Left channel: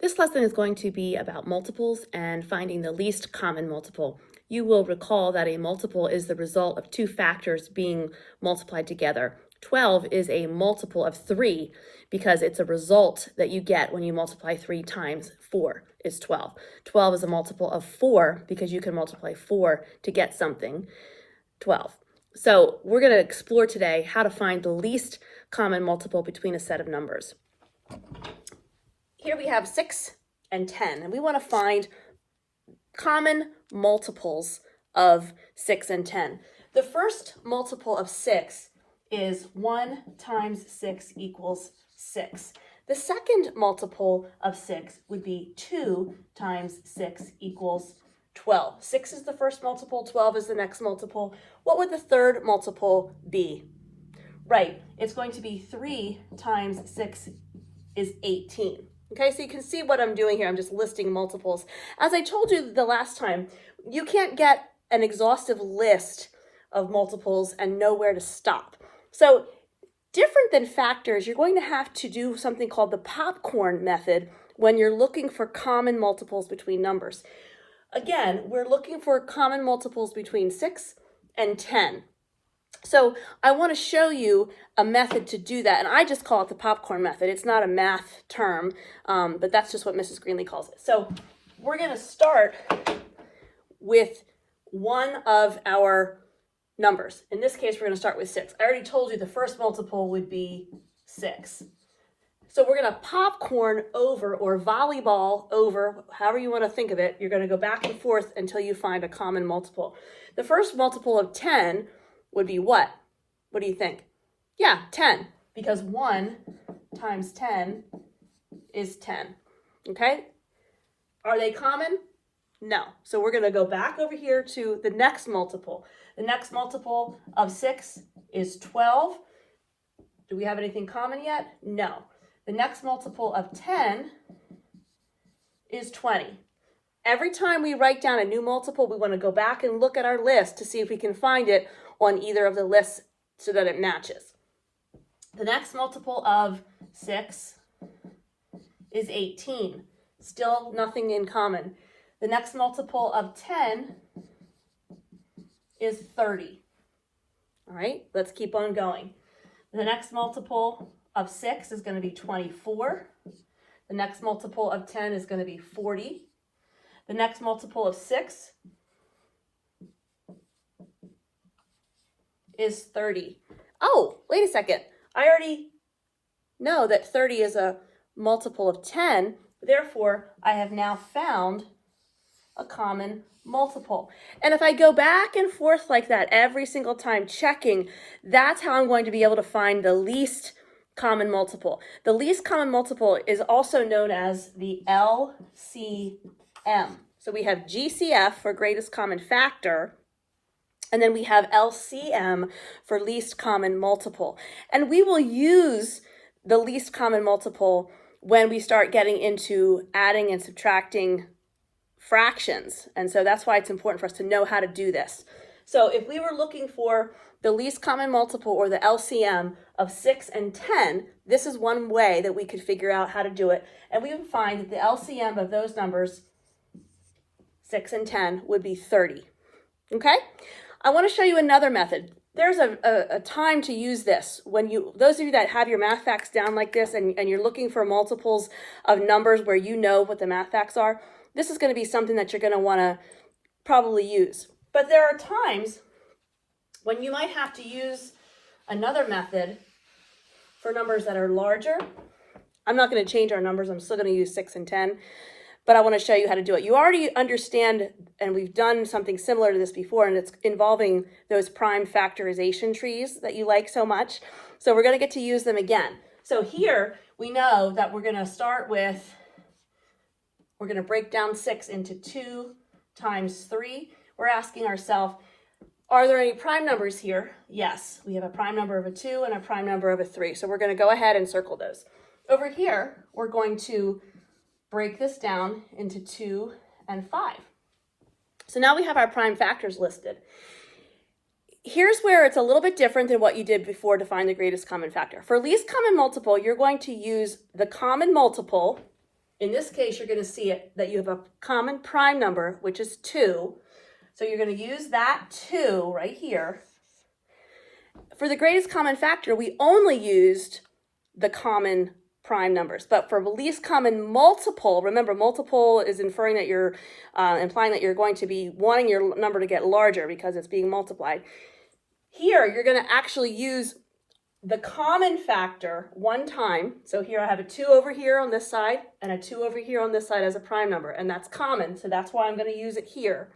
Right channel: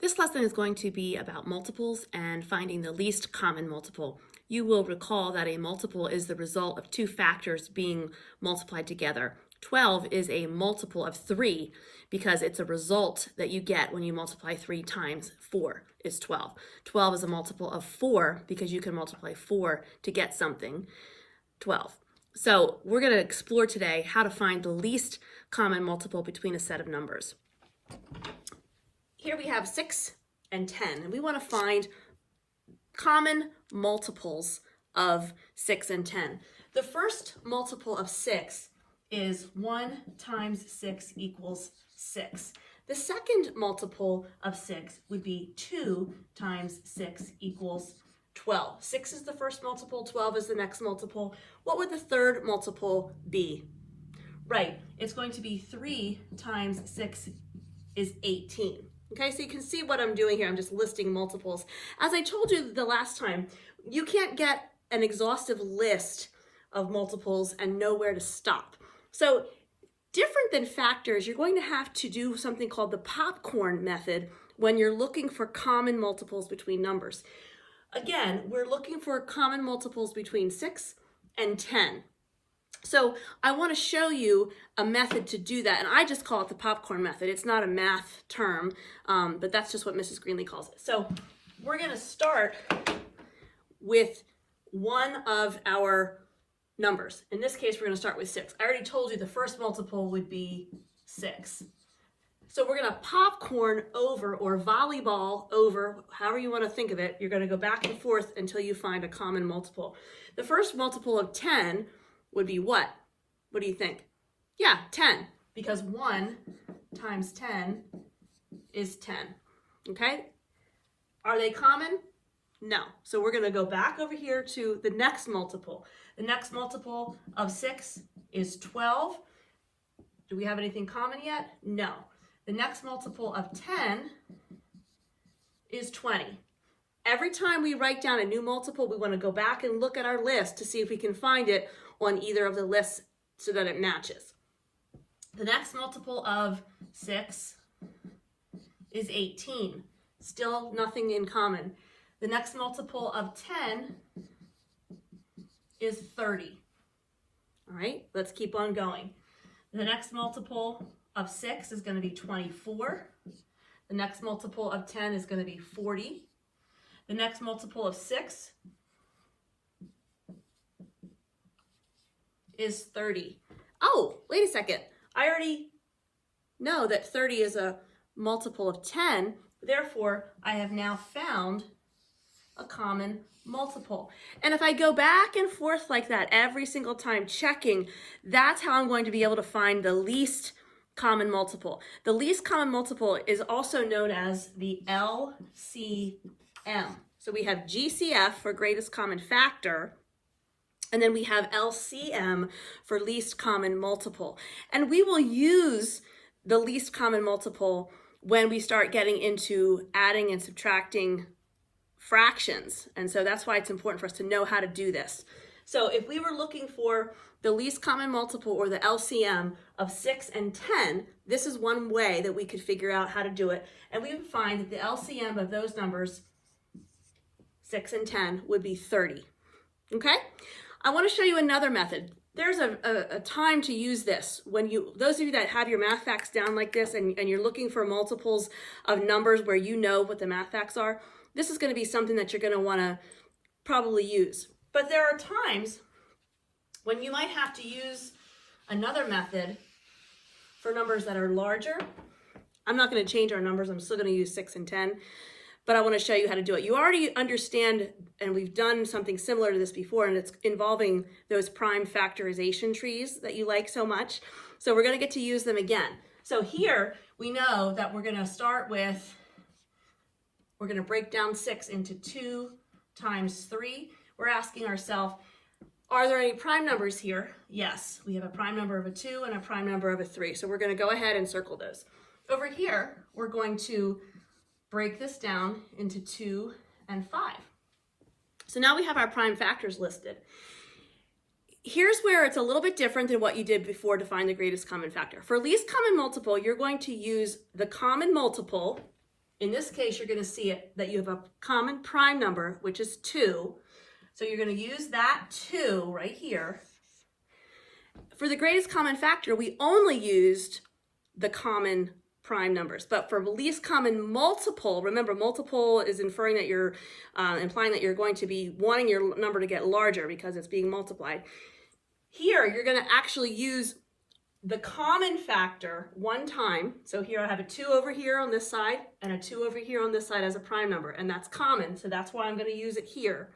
This lesson is going to be about multiples and finding the least common multiple. You will recall that a multiple is the result of two factors being multiplied together. 12 is a multiple of 3 because it's a result that you get when you multiply 3 times 4 is 12. 12 is a multiple of 4 because you can multiply 4 to get something, 12. So we're going to explore today how to find the least common multiple between a set of numbers. Here we have 6 and 10, and we want to find common multiples of 6 and 10. The first multiple of 6 is 1 times 6 equals 6. The second multiple of 6 would be 2 times 6 equals 12. 6 is the first multiple, 12 is the next multiple. What would the third multiple be? Right, it's going to be 3 times 6 is 18. Okay, so you can see what I'm doing here. I'm just listing multiples. As I told you the last time, you can't get an exhaustive list of multiples and know where to stop. So different than factors, you're going to have to do something called the popcorn method when you're looking for common multiples between numbers. Again, we're looking for common multiples between 6 and 10. So I want to show you a method to do that, and I just call it the popcorn method. It's not a math term, but that's just what Mrs. Greenlee calls it. So we're going to start with one of our numbers. In this case, we're going to start with 6. I already told you the first multiple would be 6. So we're going to popcorn over, or volleyball over, however you want to think of it. You're going to go back and forth until you find a common multiple. The first multiple of 10 would be what? What do you think? Yeah, 10, because 1 times 10 is 10, okay? Are they common? No. So we're going to go back over here to the next multiple. The next multiple of 6 is 12. Do we have anything common yet? No. The next multiple of 10 is 20. Every time we write down a new multiple, we want to go back and look at our list to see if we can find it on either of the lists so that it matches. The next multiple of 6 is 18. Still nothing in common. The next multiple of 10 is 30. All right, let's keep on going. The next multiple of 6 is going to be 24. The next multiple of 10 is going to be 40. The next multiple of 6 is 30. Oh, wait a second. I already know that 30 is a multiple of 10. Therefore, I have now found a common multiple. And if I go back and forth like that every single time checking, that's how I'm going to be able to find the least common multiple. The least common multiple is also known as the LCM. So we have GCF for greatest common factor, and then we have LCM for least common multiple. And we will use the least common multiple when we start getting into adding and subtracting fractions. And so that's why it's important for us to know how to do this. So if we were looking for the least common multiple, or the LCM, of 6 and 10, this is one way that we could figure out how to do it. And we would find that the LCM of those numbers, 6 and 10, would be 30. Okay? I want to show you another method. There's a time to use this. When those of you that have your math facts down like this and you're looking for multiples of numbers where you know what the math facts are, this is going to be something that you're going to want to probably use. But there are times when you might have to use another method for numbers that are larger. I'm not going to change our numbers. I'm still going to use 6 and 10. But I want to show you how to do it. You already understand, and we've done something similar to this before, and it's involving those prime factorization trees that you like so much. So we're going to get to use them again. So here we know that we're going to start with, we're going to break down 6 into 2 times 3. We're asking ourselves, are there any prime numbers here? Yes, we have a prime number of a 2 and a prime number of a 3. So we're going to go ahead and circle those. Over here, we're going to break this down into 2 and 5. So now we have our prime factors listed. Here's where it's a little bit different than what you did before to find the greatest common factor. For least common multiple, you're going to use the common multiple In this case, you're going to see it that you have a common prime number, which is 2. So you're going to use that 2 right here. For the greatest common factor, we only used the common prime numbers. But for the least common multiple, remember, multiple is inferring that you're implying that you're going to be wanting your number to get larger because it's being multiplied. Here, you're going to actually use the common factor one time. So here I have a 2 over here on this side and a 2 over here on this side as a prime number, and that's common, so that's why I'm going to use it here.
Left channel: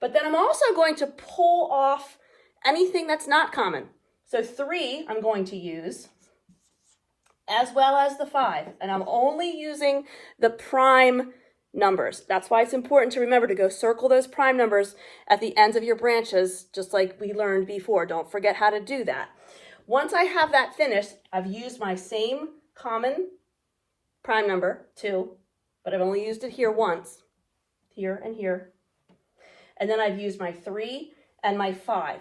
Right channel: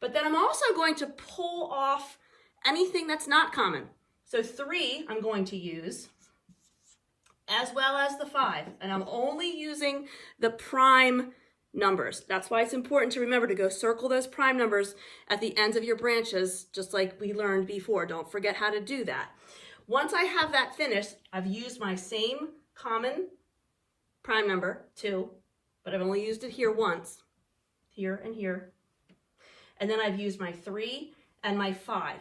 But then I'm also going to pull off anything that's not common. So 3 I'm going to use, as well as the 5, and I'm only using the prime numbers. That's why it's important to remember to go circle those prime numbers at the ends of your branches, just like we learned before. Don't forget how to do that. Once I have that finished, I've used my same common prime number, 2, but I've only used it here once, here and here. And then I've used my 3 and my 5.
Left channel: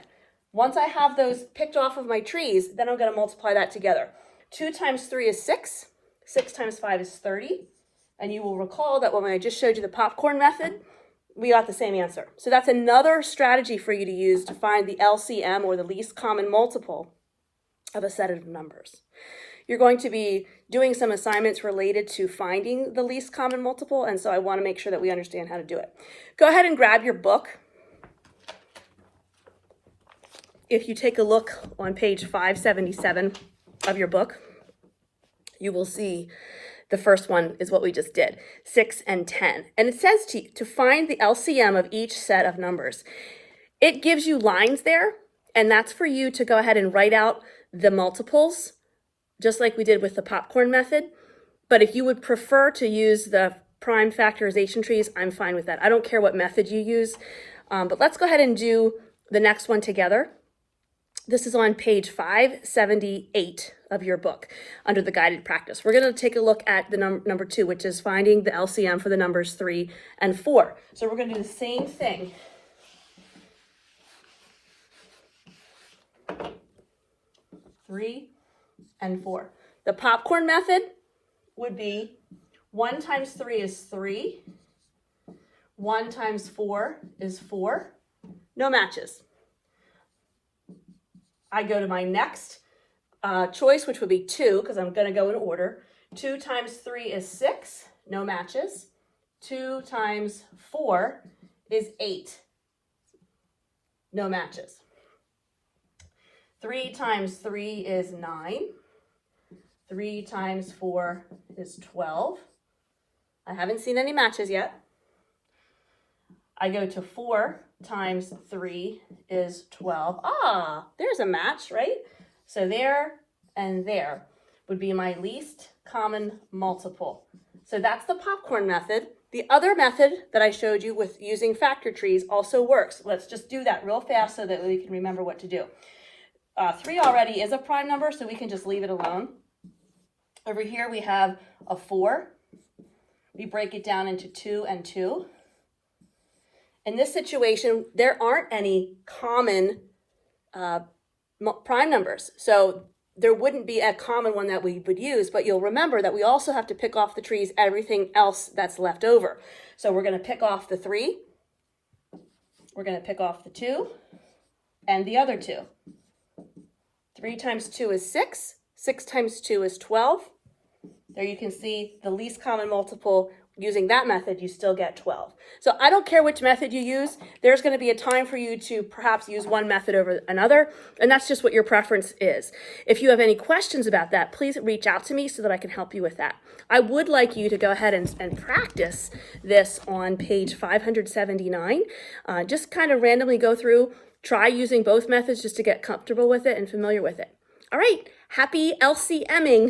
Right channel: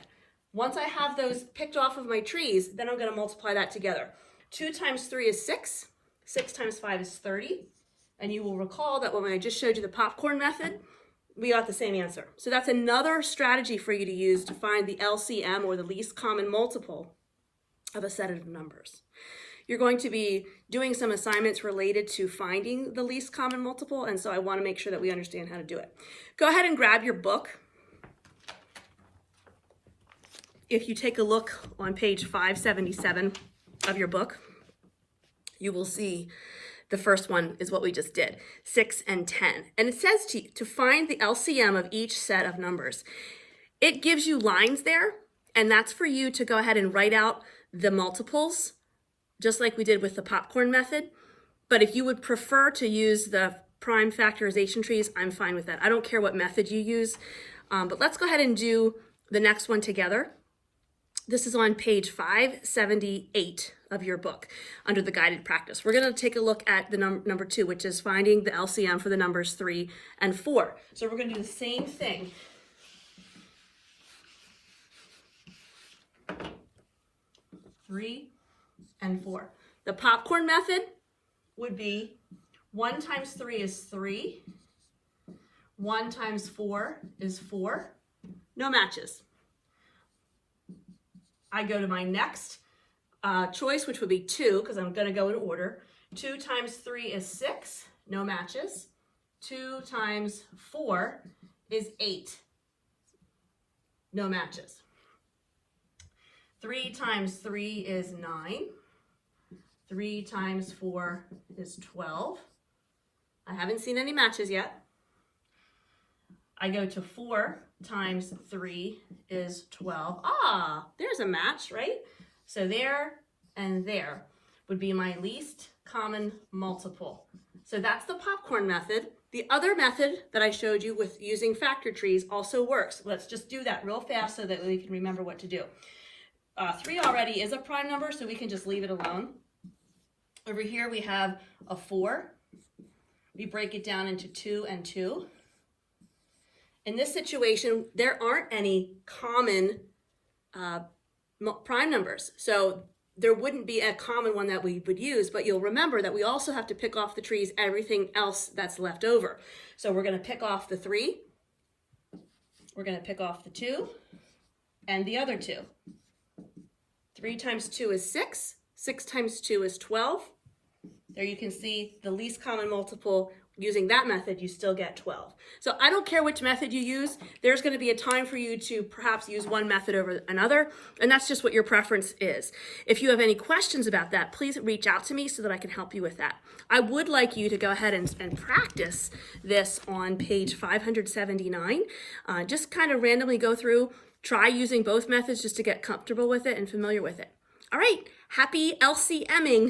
Once I have those picked off of my trees, then I'm going to multiply that together. 2 times 3 is 6. 6 times 5 is 30. And you will recall that when I just showed you the popcorn method, we got the same answer. So that's another strategy for you to use to find the LCM, or the least common multiple, of a set of numbers. You're going to be doing some assignments related to finding the least common multiple, and so I want to make sure that we understand how to do it. Go ahead and grab your book. If you take a look on page 577 of your book, you will see the first one is what we just did, 6 and 10. And it says to find the LCM of each set of numbers. It gives you lines there, and that's for you to go ahead and write out the multiples, just like we did with the popcorn method. But if you would prefer to use the prime factorization trees, I'm fine with that. I don't care what method you use, but let's go ahead and do the next one together. This is on page 578 of your book under the guided practice. We're going to take a look at the number 2, which is finding the LCM for the numbers 3 and 4. So we're going to do the same thing. Three and 4. The popcorn method would be 1 times 3 is 3. 1 times 4 is 4. No matches. I go to my next choice, which would be 2, because I'm going to go in order. 2 times 3 is 6. No matches. 2 times 4 is 8. No matches. 3 times 3 is 9. 3 times 4 is 12. I haven't seen any matches yet. I go to 4 times 3 is 12. Ah, there's a match, right? So there and there would be my least common multiple. So that's the popcorn method. The other method that I showed you with using factor trees also works. Let's just do that real fast so that we can remember what to do. 3 already is a prime number, so we can just leave it alone. Over here we have a 4. We break it down into 2 and 2. In this situation, there aren't any common prime numbers, so there wouldn't be a common one that we would use, but you'll remember that we also have to pick off the trees everything else that's left over. So we're going to pick off the 3, we're going to pick off the 2, and the other 2. 3 times 2 is 6. 6 times 2 is 12. There you can see the least common multiple. Using that method, you still get 12. So I don't care which method you use. There's going to be a time for you to perhaps use one method over another, and that's just what your preference is. If you have any questions about that, please reach out to me so that I can help you with that. I would like you to go ahead and practice this on page 579. Just kind of randomly go through, try using both methods just to get comfortable with it and familiar with it. All right, happy LCMing.